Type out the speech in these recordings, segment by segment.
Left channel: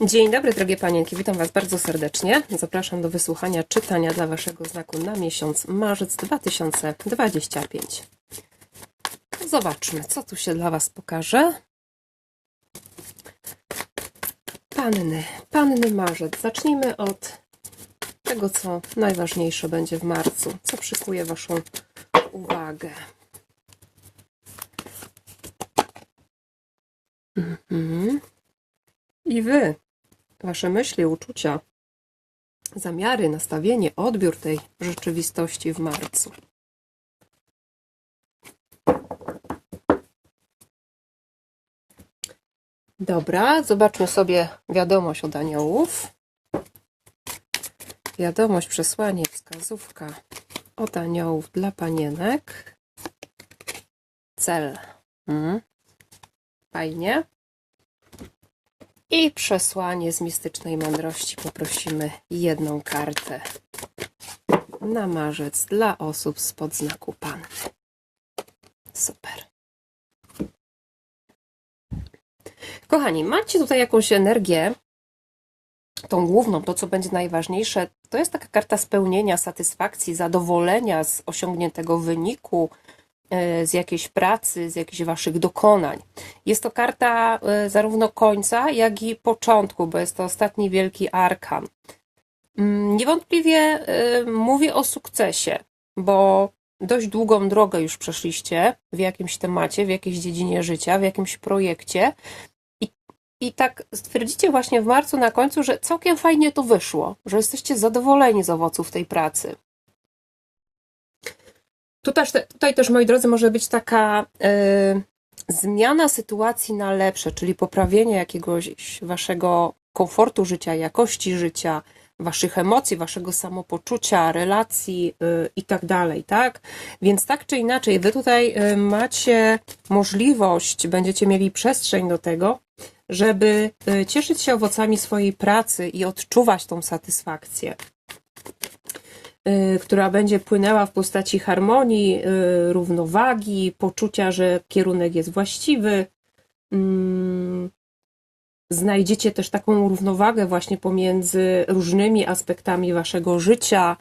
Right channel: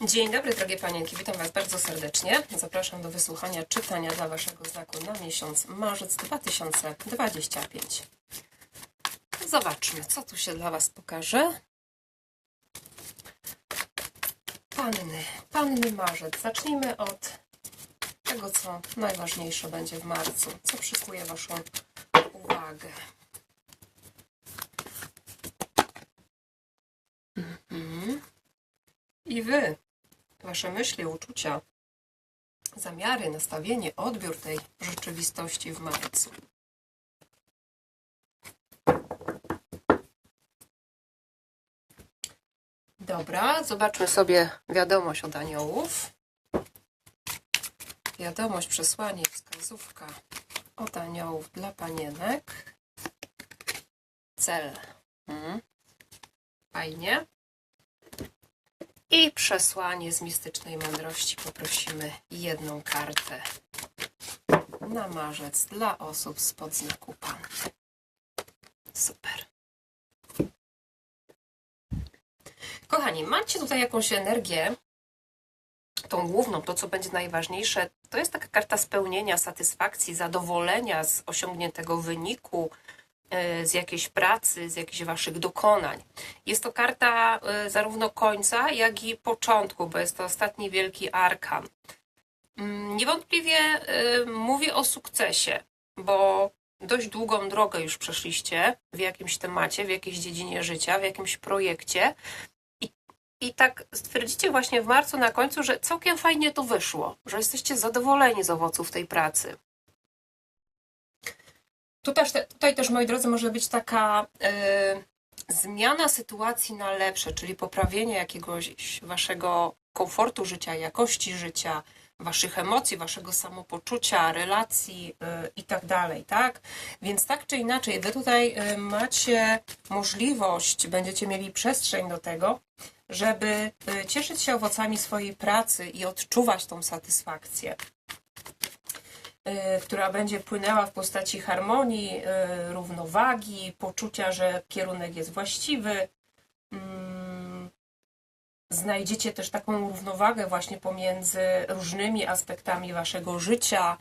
Dzień dobry, drogie panienki. Witam Was bardzo serdecznie. Zapraszam do wysłuchania czytania dla Waszego znaku na miesiąc marzec 2025. Zobaczmy, co tu się dla Was pokaże. Panny, panny marzec. Zacznijmy od tego, co najważniejsze będzie w marcu. Co przykuje Waszą uwagę. Mhm. I wy, wasze myśli, uczucia, zamiary, nastawienie, odbiór tej rzeczywistości w marcu. Dobra, zobaczmy sobie wiadomość od aniołów. Wiadomość, przesłanie, wskazówka od aniołów dla panienek. Cel. Mhm. Fajnie. I przesłanie z mistycznej mądrości poprosimy jedną kartę na marzec dla osób spod znaku Pan. Super. Kochani, macie tutaj jakąś energię, tą główną, to co będzie najważniejsze, to jest taka karta spełnienia, satysfakcji, zadowolenia z osiągniętego wyniku, z jakiejś pracy, z jakichś waszych dokonań. Jest to karta e, zarówno końca, jak i początku, bo jest to ostatni wielki arkan. Mm, Niewątpliwie e, mówię o sukcesie, bo dość długą drogę już przeszliście w jakimś temacie, w jakiejś dziedzinie życia, w jakimś projekcie. I, I tak stwierdzicie właśnie w marcu na końcu, że całkiem fajnie to wyszło, że jesteście zadowoleni z owoców tej pracy. Tutaj, tutaj też, moi drodzy, może być taka e, zmiana sytuacji na lepsze, czyli poprawienie jakiegoś waszego komfortu życia, jakości życia, waszych emocji, waszego samopoczucia, relacji y, i tak dalej, tak? Więc tak czy inaczej, wy tutaj y, macie możliwość, będziecie mieli przestrzeń do tego, żeby y, cieszyć się owocami swojej pracy i odczuwać tą satysfakcję y, która będzie płynęła w postaci harmonii, y, równowagi, poczucia, że kierunek jest właściwy. Mm, Znajdziecie też taką równowagę właśnie pomiędzy różnymi aspektami waszego życia.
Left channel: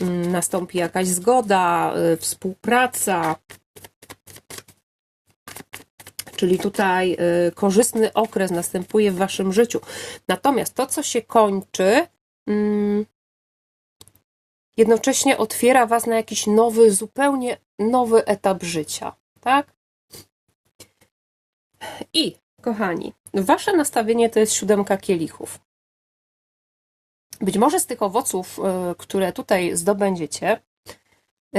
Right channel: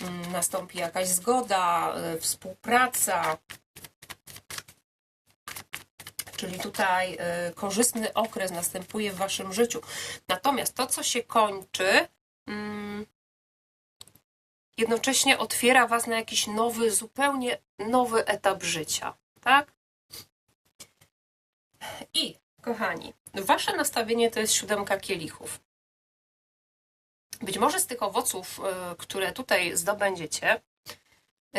Mm, Nastąpi jakaś zgoda, y, współpraca. Czyli tutaj y, korzystny okres następuje w waszym życiu. Natomiast to, co się kończy, mm, jednocześnie otwiera Was na jakiś nowy, zupełnie nowy etap życia, tak? I, kochani, Wasze nastawienie to jest siódemka kielichów. Być może z tych owoców, y, które tutaj zdobędziecie,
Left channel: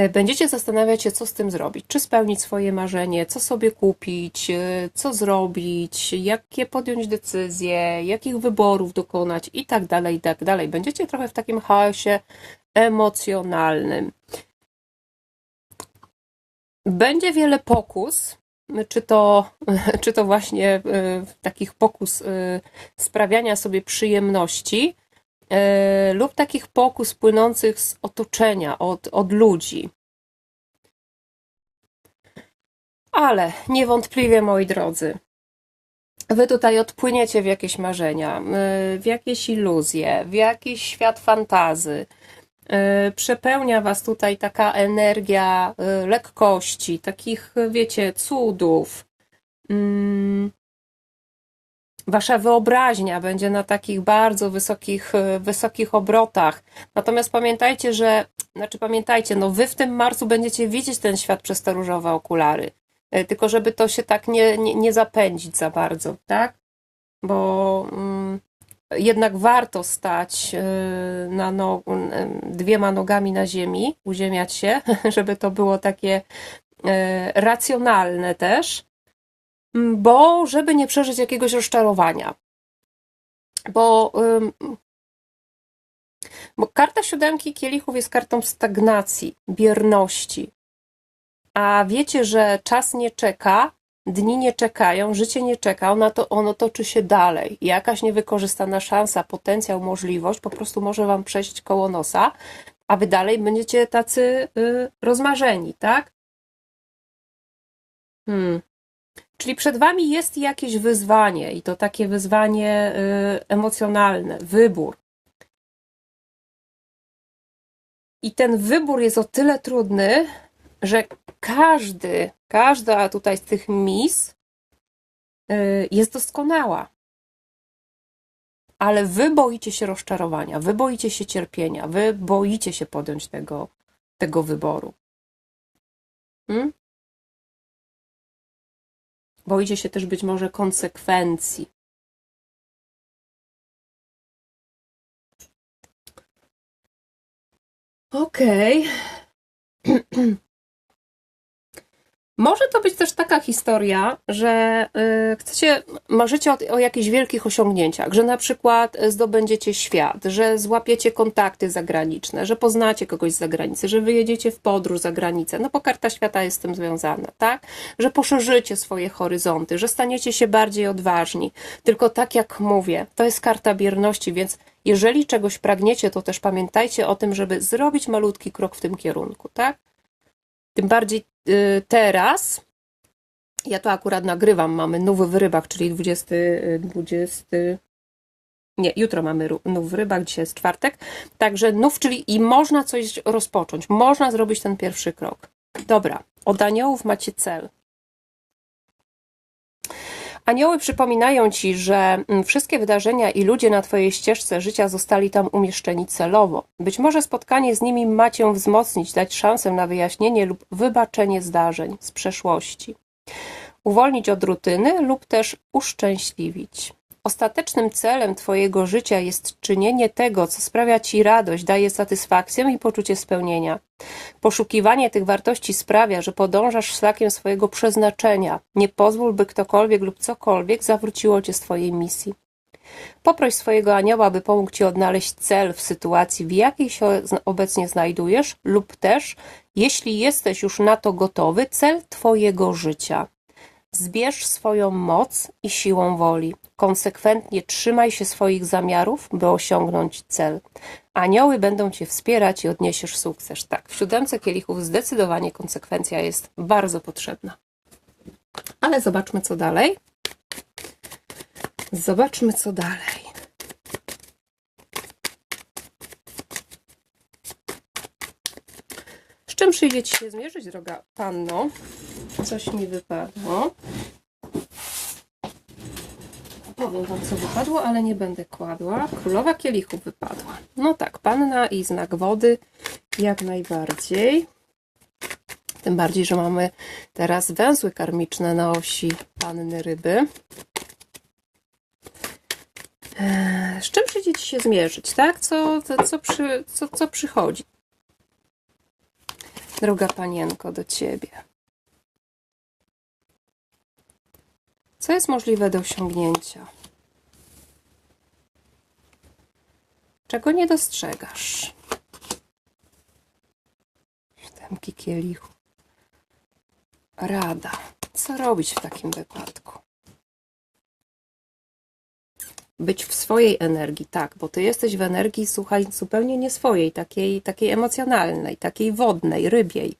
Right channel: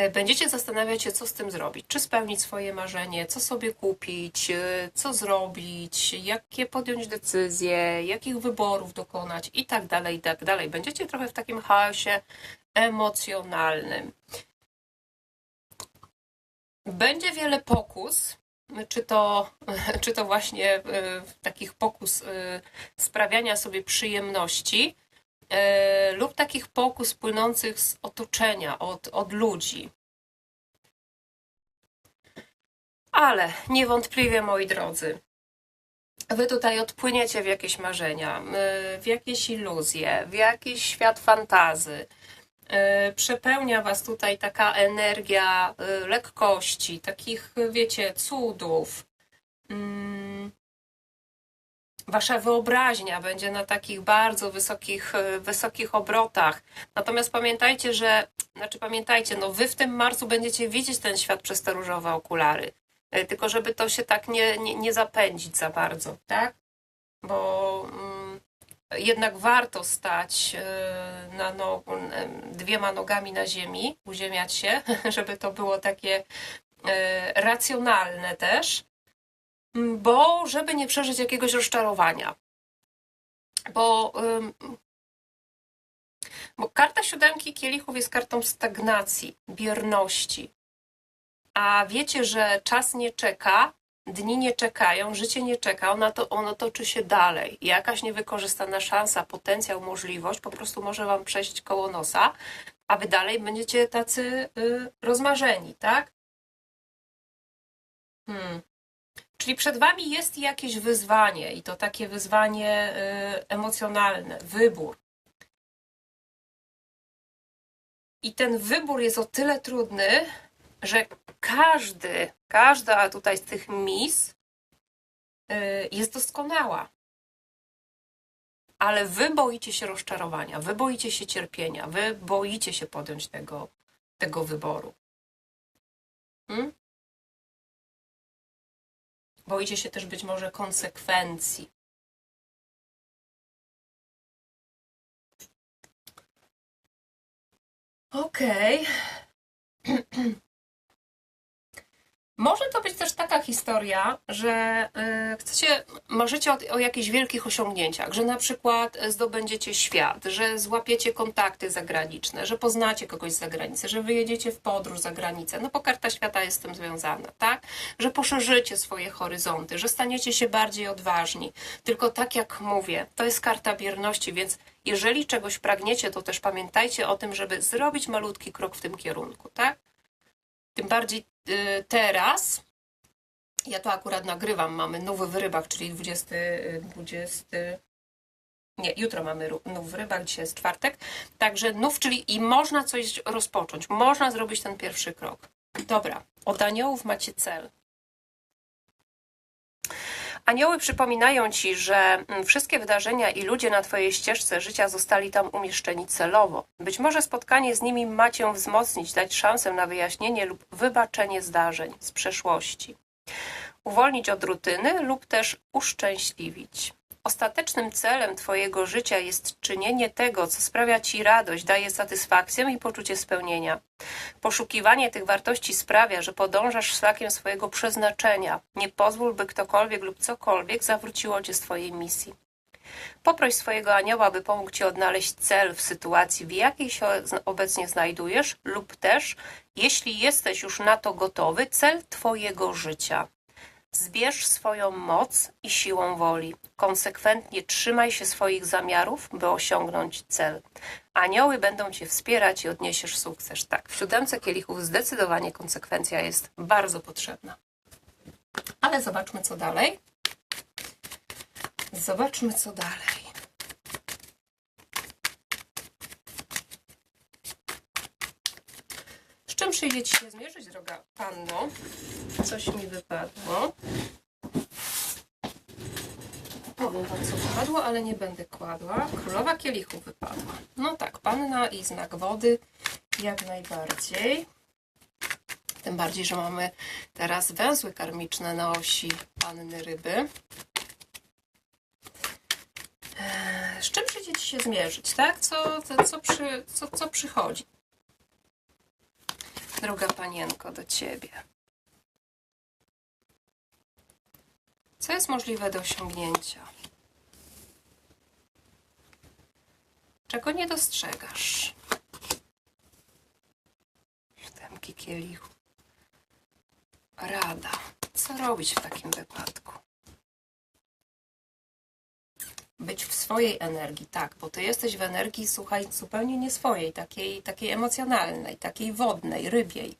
y, będziecie zastanawiać się, co z tym zrobić. Czy spełnić swoje marzenie, co sobie kupić, y, co zrobić, jakie podjąć decyzje, jakich wyborów dokonać i tak dalej, i tak dalej. Będziecie trochę w takim chaosie emocjonalnym. Będzie wiele pokus, czy to, czy to właśnie y, takich pokus y, sprawiania sobie przyjemności, y, lub takich pokus płynących z otoczenia, od, od ludzi. Ale niewątpliwie, moi drodzy, Wy tutaj odpłyniecie w jakieś marzenia, w jakieś iluzje, w jakiś świat fantazy. Y, Przepełnia Was tutaj taka energia y, lekkości, takich, wiecie, cudów. Mm. Wasza wyobraźnia będzie na takich bardzo wysokich, wysokich obrotach. Natomiast pamiętajcie, że, znaczy pamiętajcie, no Wy w tym marcu będziecie widzieć ten świat przez te różowe okulary. Tylko żeby to się tak nie, nie, nie zapędzić za bardzo, tak? Bo mm, jednak warto stać y, na no, dwiema nogami na ziemi, uziemiać się, żeby to było takie y, racjonalne też, bo żeby nie przeżyć jakiegoś rozczarowania. Bo, bo karta siódemki kielichów jest kartą stagnacji, bierności. A wiecie, że czas nie czeka, dni nie czekają, życie nie czeka, ono, to, ono toczy się dalej. Jakaś niewykorzystana szansa, potencjał, możliwość po prostu może Wam przejść koło nosa, a Wy dalej będziecie tacy y, rozmarzeni, tak? Hmm. Czyli przed Wami jest jakieś wyzwanie i to takie wyzwanie y, emocjonalne, wybór. I ten wybór jest o tyle trudny, że każdy, każda tutaj z tych mis y, jest doskonała. Ale wy boicie się rozczarowania, wy boicie się cierpienia, wy boicie się podjąć tego, tego wyboru. Hmm? Boicie się też być może konsekwencji. Okej. Może to być też taka historia, że y, chcecie, marzycie o, o jakichś wielkich osiągnięciach, że na przykład zdobędziecie świat, że złapiecie kontakty zagraniczne, że poznacie kogoś z zagranicy, że wyjedziecie w podróż za granicę, no bo karta świata jest z tym związana, tak? Że poszerzycie swoje horyzonty, że staniecie się bardziej odważni. Tylko tak jak mówię, to jest karta bierności, więc jeżeli czegoś pragniecie, to też pamiętajcie o tym, żeby zrobić malutki krok w tym kierunku, tak? Tym bardziej y, teraz, ja to akurat nagrywam, mamy nowy w rybach, czyli 20, y, 20, nie, jutro mamy nów w rybach, dzisiaj jest czwartek, także nów, czyli i można coś rozpocząć, można zrobić ten pierwszy krok. Dobra, od aniołów macie cel. Anioły przypominają ci, że mm, wszystkie wydarzenia i ludzie na twojej ścieżce życia zostali tam umieszczeni celowo. Być może spotkanie z nimi ma cię wzmocnić, dać szansę na wyjaśnienie lub wybaczenie zdarzeń z przeszłości. Uwolnić od rutyny lub też uszczęśliwić. Ostatecznym celem Twojego życia jest czynienie tego, co sprawia Ci radość, daje satysfakcję i poczucie spełnienia. Poszukiwanie tych wartości sprawia, że podążasz szlakiem swojego przeznaczenia. Nie pozwól, by ktokolwiek lub cokolwiek zawróciło Cię z Twojej misji. Poproś swojego anioła, by pomógł Ci odnaleźć cel w sytuacji, w jakiej się obecnie znajdujesz, lub też, jeśli jesteś już na to gotowy, cel Twojego życia. Zbierz swoją moc i siłą woli. Konsekwentnie trzymaj się swoich zamiarów, by osiągnąć cel. Anioły będą Cię wspierać i odniesiesz sukces. Tak, w siódemce kielichów zdecydowanie konsekwencja jest bardzo potrzebna. Ale zobaczmy, co dalej. Zobaczmy, co dalej. Czym przyjdzie Ci się zmierzyć, droga panno? Coś mi wypadło. Powiem Wam, co wypadło, ale nie będę kładła. Królowa kielichów wypadła. No tak, panna i znak wody jak najbardziej. Tym bardziej, że mamy teraz węzły karmiczne na osi panny ryby. Eee, Z czym przyjdzie Ci się zmierzyć, tak? Co, co, co, przy, co, co przychodzi? Droga panienko, do Ciebie. Co jest możliwe do osiągnięcia? Czego nie dostrzegasz? Sztamki kielichu. Rada. Co robić w takim wypadku? Być w swojej energii, tak, bo ty jesteś w energii, słuchaj, zupełnie nie swojej, takiej, takiej emocjonalnej, takiej wodnej, rybiej.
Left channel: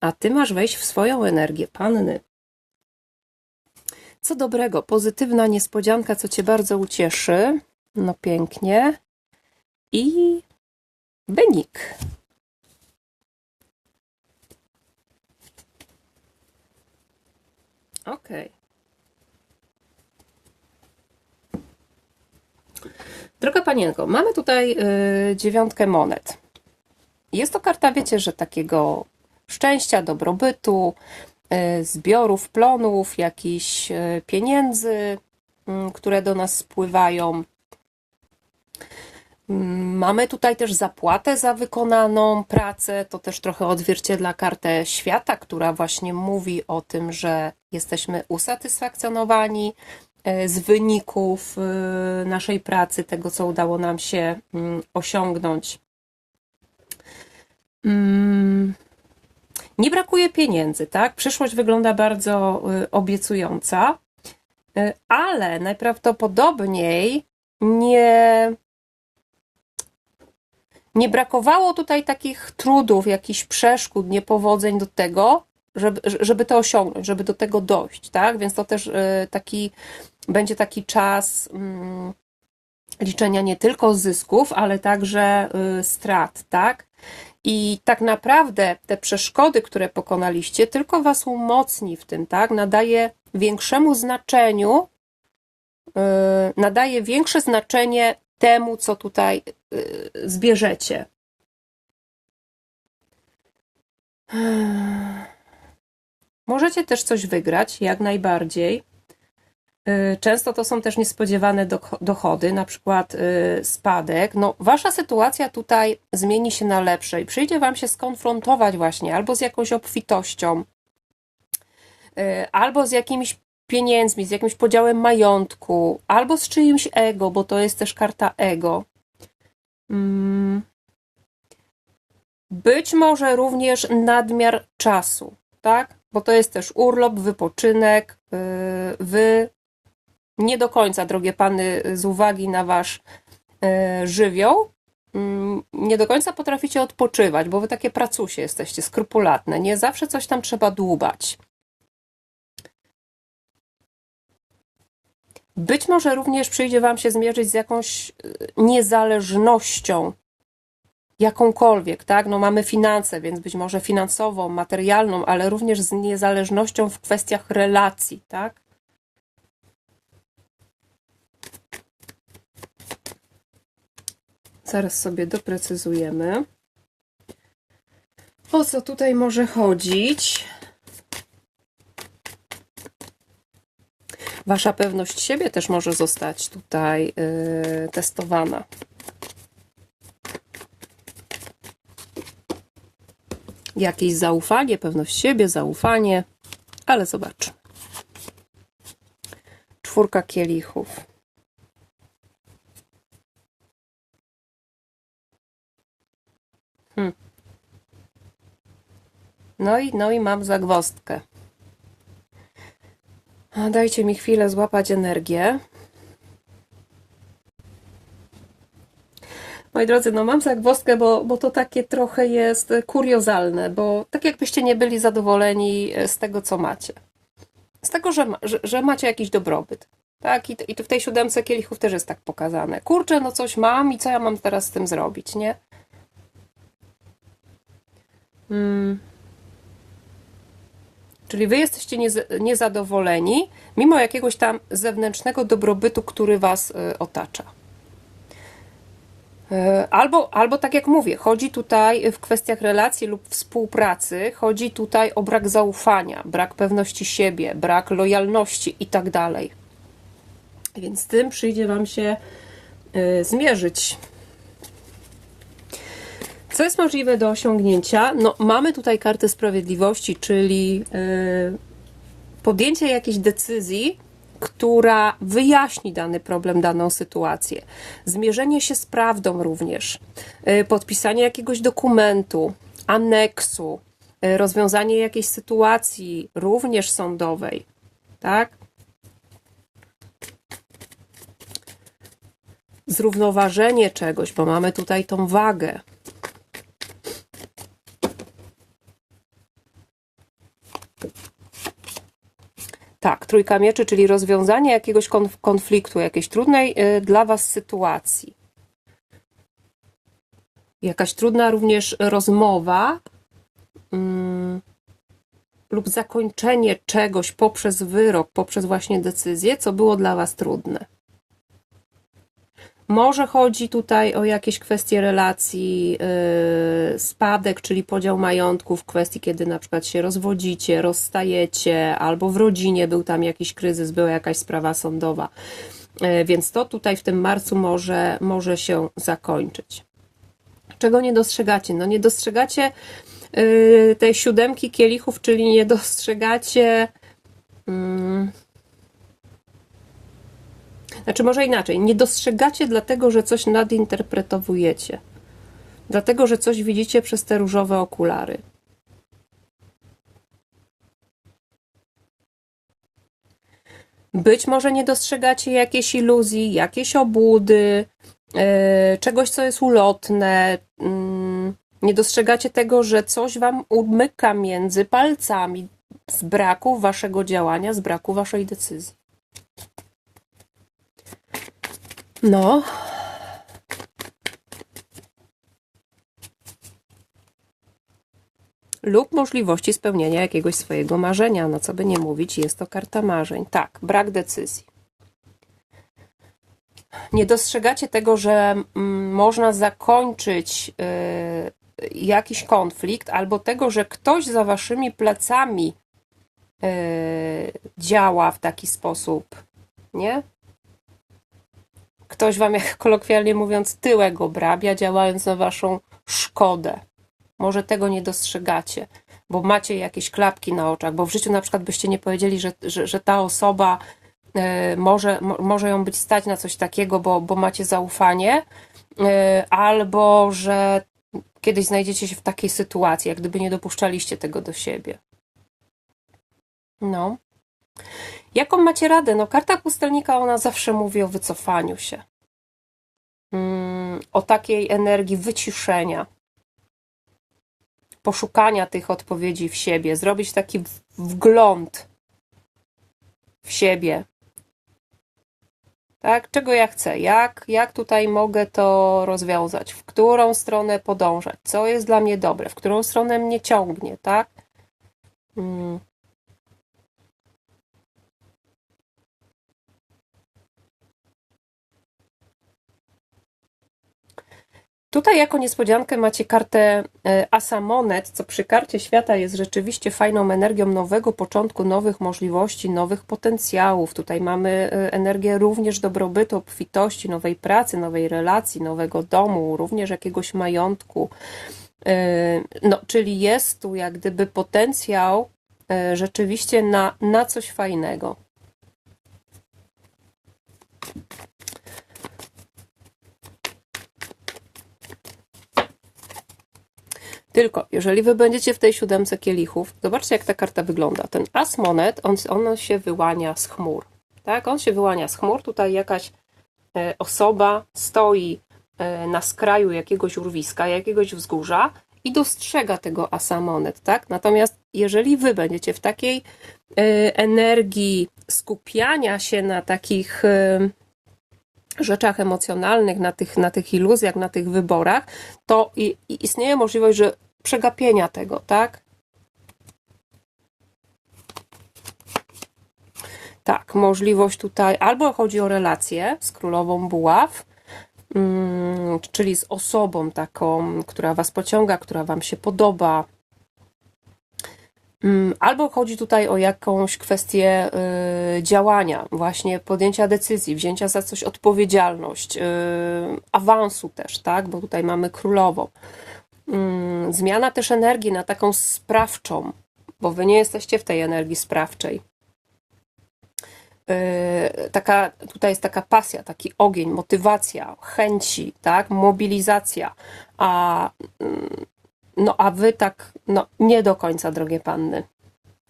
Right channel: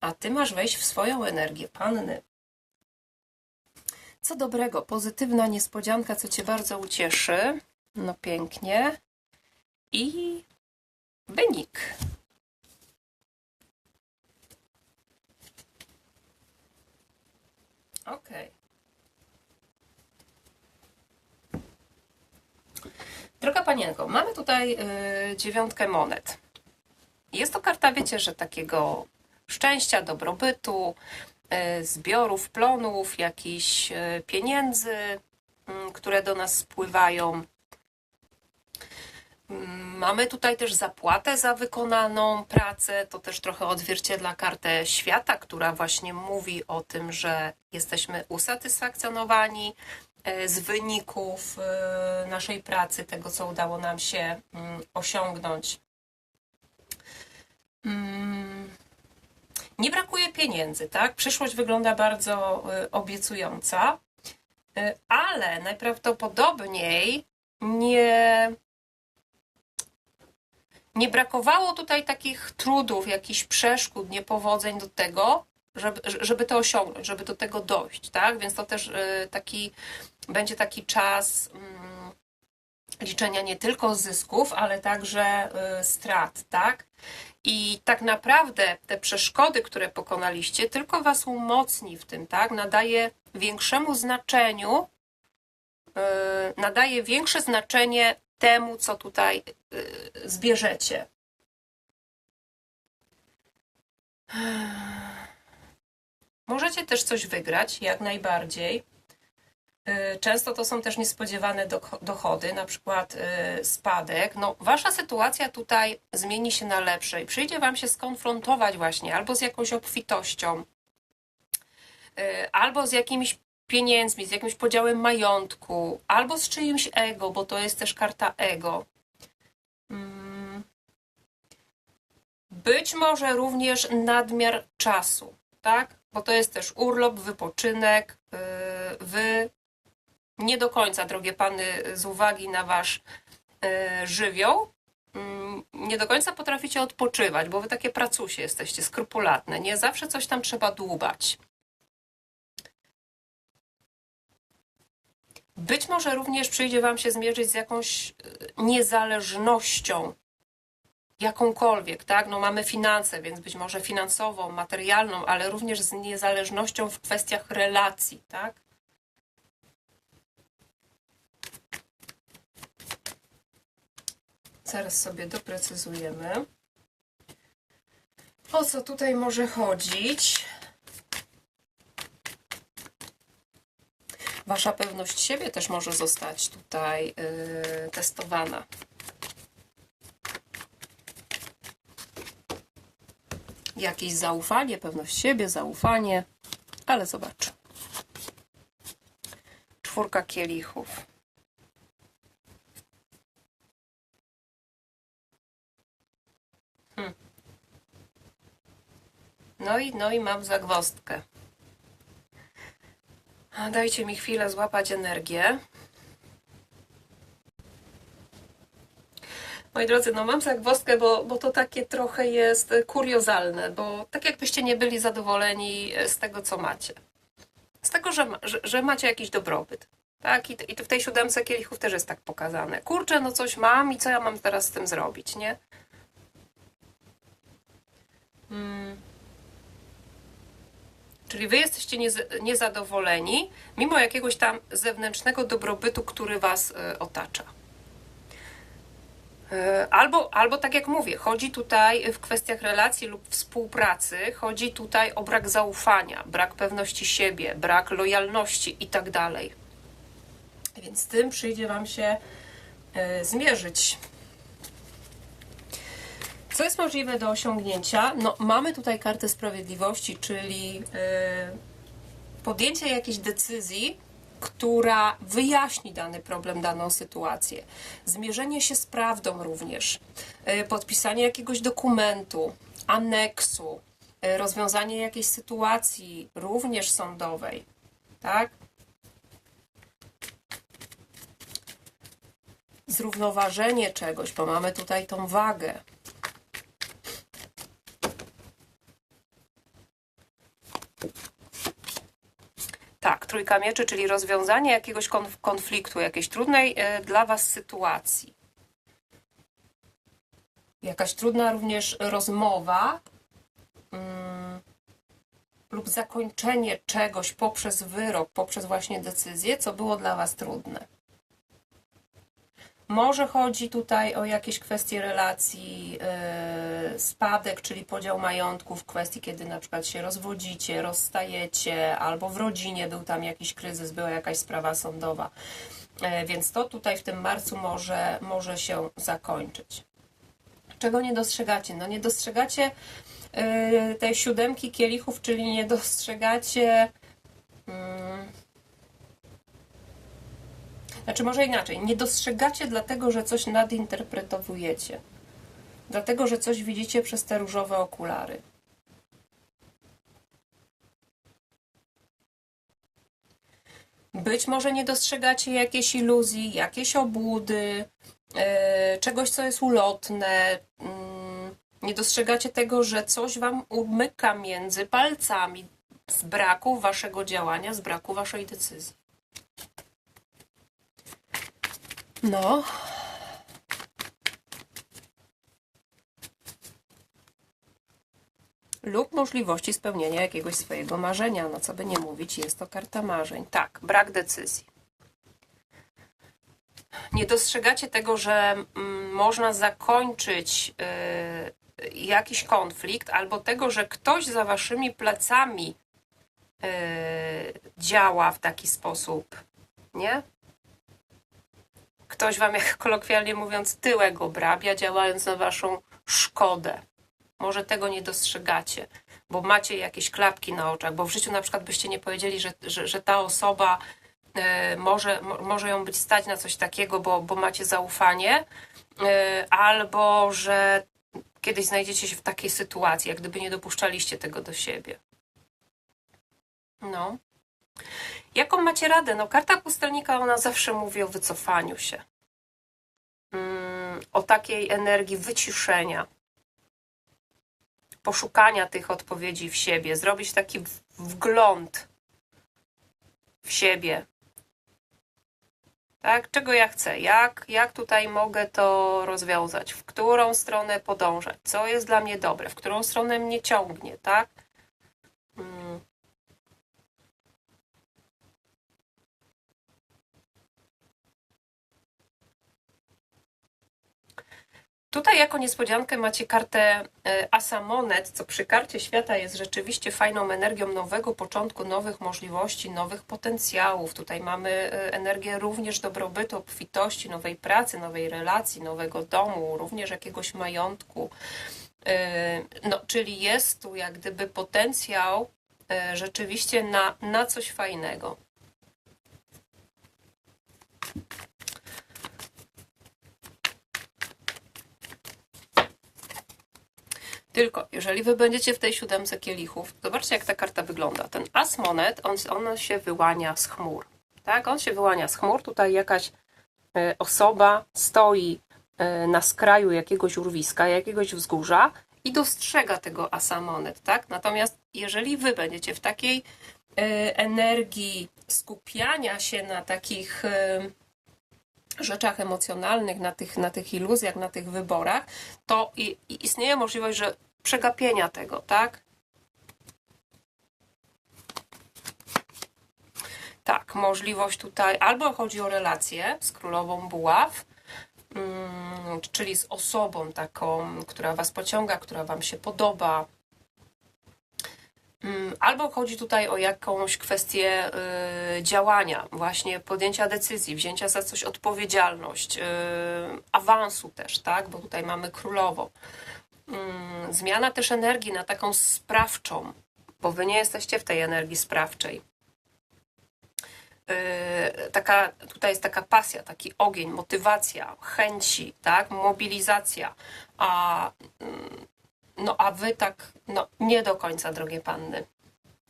A ty masz wejść w swoją energię, panny. Co dobrego, pozytywna niespodzianka, co cię bardzo ucieszy. No pięknie. I wynik. Ok. Droga panienko, mamy tutaj y, dziewiątkę monet. Jest to karta, wiecie, że takiego szczęścia, dobrobytu, y, zbiorów, plonów, jakichś y, pieniędzy, y, które do nas spływają. Mm, Mamy tutaj też zapłatę za wykonaną pracę. To też trochę odzwierciedla kartę świata, która właśnie mówi o tym, że jesteśmy usatysfakcjonowani z wyników e, naszej pracy, tego co udało nam się mm, osiągnąć. Mm, Nie brakuje pieniędzy, tak? Przyszłość wygląda bardzo e, obiecująca, e, ale najprawdopodobniej nie nie brakowało tutaj takich trudów, jakichś przeszkód, niepowodzeń do tego, żeby, żeby to osiągnąć, żeby do tego dojść, tak? Więc to też y, taki, będzie taki czas mm, liczenia nie tylko zysków, ale także y, strat, tak? I tak naprawdę te przeszkody, które pokonaliście, tylko was umocni w tym, tak? Nadaje większemu znaczeniu, yy, nadaje większe znaczenie temu, co tutaj zbierzecie. Możecie też coś wygrać, jak najbardziej. Yy, Często to są też niespodziewane do- dochody, na przykład yy, spadek. No, wasza sytuacja tutaj zmieni się na lepsze i przyjdzie wam się skonfrontować właśnie albo z jakąś obfitością, yy, albo z jakimiś pieniędzmi, z jakimś podziałem majątku, albo z czyimś ego, bo to jest też karta ego. Mm. Być może również nadmiar czasu, tak? Bo to jest też urlop, wypoczynek. yy, Wy nie do końca, drogie pany, z uwagi na wasz e, żywioł, mm, nie do końca potraficie odpoczywać, bo wy takie pracusie jesteście, skrupulatne. Nie zawsze coś tam trzeba dłubać. Być może również przyjdzie wam się zmierzyć z jakąś e, niezależnością, jakąkolwiek, tak? No mamy finanse, więc być może finansową, materialną, ale również z niezależnością w kwestiach relacji, tak? Zaraz sobie doprecyzujemy. O co tutaj może chodzić? Wasza pewność siebie też może zostać tutaj yy, testowana. Jakieś zaufanie, pewność siebie, zaufanie, ale zobacz. Czwórka kielichów. No i, no i mam zagwozdkę. A, Dajcie mi chwilę złapać energię. Moi drodzy, no mam zagwozdkę, bo, bo to takie trochę jest kuriozalne, bo tak jakbyście nie byli zadowoleni z tego, co macie. Z tego, że, że, że macie jakiś dobrobyt. Tak, i, i w tej siódemce kielichów też jest tak pokazane. Kurczę, no coś mam i co ja mam teraz z tym zrobić, nie? Hmm. Czyli wy jesteście niez- niezadowoleni, mimo jakiegoś tam zewnętrznego dobrobytu, który was y, otacza. Y, Albo, albo tak jak mówię, chodzi tutaj w kwestiach relacji lub współpracy, chodzi tutaj o brak zaufania, brak pewności siebie, brak lojalności i tak dalej. Więc z tym przyjdzie Wam się y, zmierzyć. Co jest możliwe do osiągnięcia? No, mamy tutaj kartę sprawiedliwości, czyli y, podjęcie jakiejś decyzji, która wyjaśni dany problem, daną sytuację. Zmierzenie się z prawdą również. Y, Podpisanie jakiegoś dokumentu, aneksu, y, rozwiązanie jakiejś sytuacji, również sądowej. Tak? Zrównoważenie czegoś, bo mamy tutaj tą wagę. Tak, trójka mieczy, czyli rozwiązanie jakiegoś konf- konfliktu, jakiejś trudnej y, dla Was sytuacji. Jakaś trudna również rozmowa mm, lub zakończenie czegoś poprzez wyrok, poprzez właśnie decyzję, co było dla Was trudne. Może chodzi tutaj o jakieś kwestie relacji, yy, spadek, czyli podział majątku w kwestii, kiedy na przykład się rozwodzicie, rozstajecie, albo w rodzinie był tam jakiś kryzys, była jakaś sprawa sądowa. Yy, więc to tutaj w tym marcu może, może się zakończyć. Czego nie dostrzegacie? No nie dostrzegacie yy, tej siódemki kielichów, czyli nie dostrzegacie. mm, znaczy, może inaczej, nie dostrzegacie dlatego, że coś nadinterpretowujecie. Dlatego, że coś widzicie przez te różowe okulary. Być może nie dostrzegacie jakiejś iluzji, jakiejś obłudy, yy, czegoś, co jest ulotne, mm, Nie dostrzegacie tego, że coś wam umyka między palcami z braku waszego działania, z braku waszej decyzji. No. Lub możliwości spełnienia jakiegoś swojego marzenia. No co by nie mówić, jest to karta marzeń. Tak, brak decyzji. Nie dostrzegacie tego, że mm, można zakończyć y, jakiś konflikt, albo tego, że ktoś za waszymi plecami y, działa w taki sposób, nie? Ktoś wam, jak kolokwialnie mówiąc, tyłek obrabia, działając na waszą szkodę. Może tego nie dostrzegacie, bo macie jakieś klapki na oczach, bo w życiu na przykład byście nie powiedzieli, że, że, że ta osoba y, może, mo, może ją być stać na coś takiego, bo, bo macie zaufanie, y, albo że kiedyś znajdziecie się w takiej sytuacji, jak gdyby nie dopuszczaliście tego do siebie. No. Jaką macie radę? No, karta pustelnika, ona zawsze mówi o wycofaniu się. Mm, o takiej energii wyciszenia, poszukania tych odpowiedzi w siebie, zrobić taki wgląd w siebie. Tak, czego ja chcę? Jak, jak tutaj mogę to rozwiązać? W którą stronę podążać? Co jest dla mnie dobre? W którą stronę mnie ciągnie, tak? Mm. Tutaj jako niespodziankę macie kartę e, Asa Monet, co przy karcie świata jest rzeczywiście fajną energią nowego początku, nowych możliwości, nowych potencjałów. Tutaj mamy e, energię również dobrobytu, obfitości, nowej pracy, nowej relacji, nowego domu, również jakiegoś majątku. E, no, czyli jest tu jak gdyby potencjał rzeczywiście na, na coś fajnego. Tylko, jeżeli wy będziecie w tej siódemce kielichów, zobaczcie jak ta karta wygląda. Ten as monet, on, on się wyłania z chmur. Tak? On się wyłania z chmur. Tutaj jakaś e, osoba stoi e, na skraju jakiegoś urwiska, jakiegoś wzgórza i dostrzega tego asa monet. Tak? Natomiast jeżeli wy będziecie w takiej e, energii skupiania się na takich rzeczach emocjonalnych, na tych, na tych iluzjach, na tych wyborach, to istnieje możliwość, że przegapienia tego, tak? Tak, możliwość tutaj albo chodzi o relację z królową buław, mm, czyli z osobą taką, która Was pociąga, która Wam się podoba, mm, Albo chodzi tutaj o jakąś kwestię y, działania, właśnie podjęcia decyzji, wzięcia za coś odpowiedzialność, y, awansu też, tak? Bo tutaj mamy królową. Mm, zmiana też energii na taką sprawczą, bo wy nie jesteście w tej energii sprawczej. Yy, taka, tutaj jest taka pasja, taki ogień, motywacja, chęci, tak, mobilizacja, a, mm, no, a wy tak, no, nie do końca, drogie panny.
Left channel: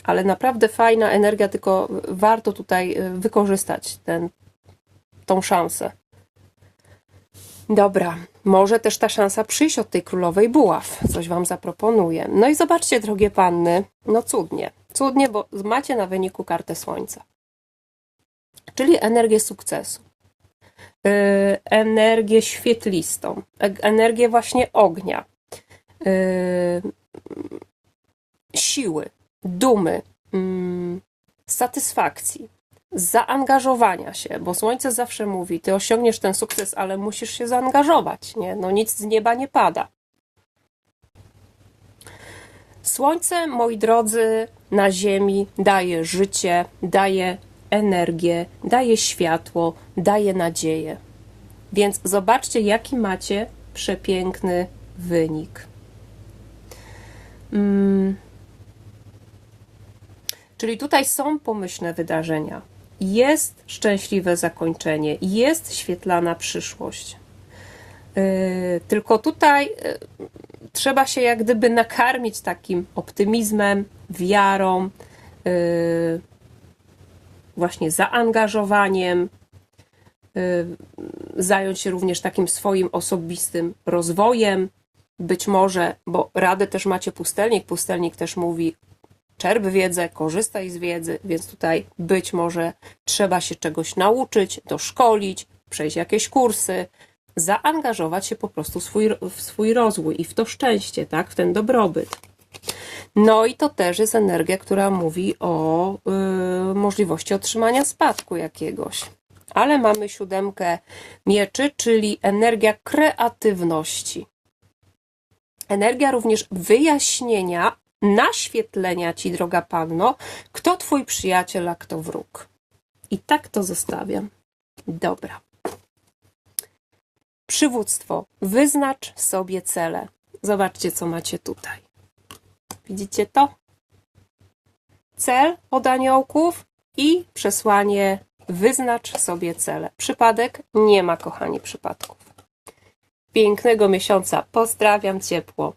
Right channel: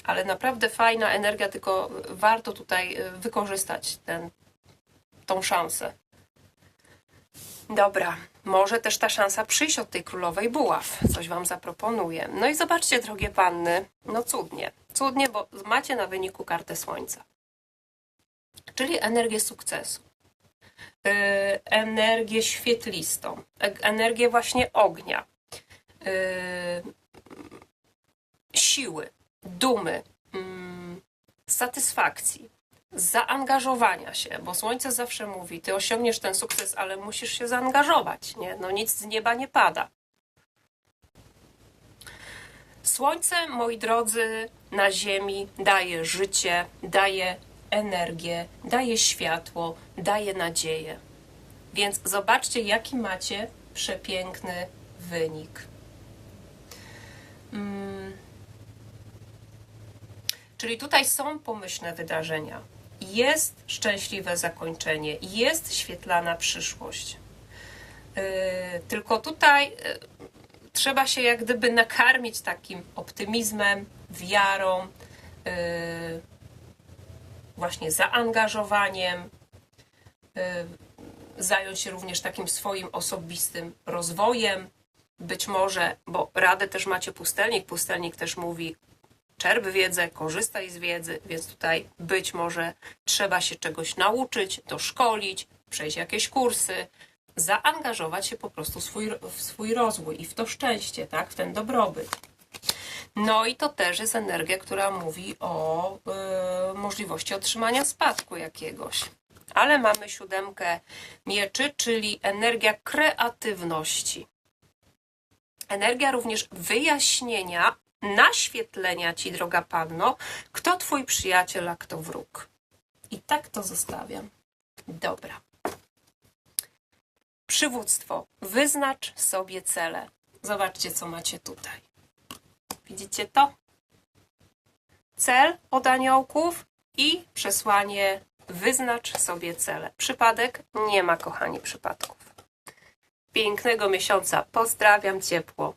Ale naprawdę fajna energia, tylko warto tutaj yy, wykorzystać ten, tą szansę. Dobra, może też ta szansa przyjść od tej królowej buław. Coś Wam zaproponuję. No i zobaczcie, drogie panny, no cudnie. Cudnie, bo macie na wyniku kartę słońca. Czyli energię sukcesu. Yy, energię świetlistą. E energię właśnie ognia. Yy, siły, dumy, yy, satysfakcji zaangażowania się, bo słońce zawsze mówi, ty osiągniesz ten sukces, ale musisz się zaangażować, nie? No nic z nieba nie pada. Słońce, moi drodzy, na ziemi daje życie, daje energię, daje światło, daje nadzieję. Więc zobaczcie, jaki macie przepiękny wynik. Hmm. Czyli tutaj są pomyślne wydarzenia jest szczęśliwe zakończenie, jest świetlana przyszłość. Y, tylko tutaj y, trzeba się jak gdyby nakarmić takim optymizmem, wiarą, y, właśnie zaangażowaniem, zająć się również takim swoim osobistym rozwojem, być może, bo radę też macie pustelnik, pustelnik też mówi czerp wiedzę, korzystaj z wiedzy, więc tutaj być może trzeba się czegoś nauczyć, doszkolić, przejść jakieś kursy, zaangażować się po prostu w swój, w swój rozwój i w to szczęście, tak, w ten dobrobyt. No i to też jest energia, która mówi o y, możliwości otrzymania spadku jakiegoś. Ale mamy siódemkę mieczy, czyli energia kreatywności. Energia również wyjaśnienia, naświetlenia ci, droga panno, kto twój przyjaciel, a kto wróg. I tak to zostawiam. Dobra. Przywództwo. Wyznacz sobie cele. Zobaczcie, co macie tutaj. Widzicie to? Cel od aniołków i przesłanie wyznacz sobie cele. Przypadek? Nie ma, kochani, przypadków. Pięknego miesiąca. Pozdrawiam ciepło.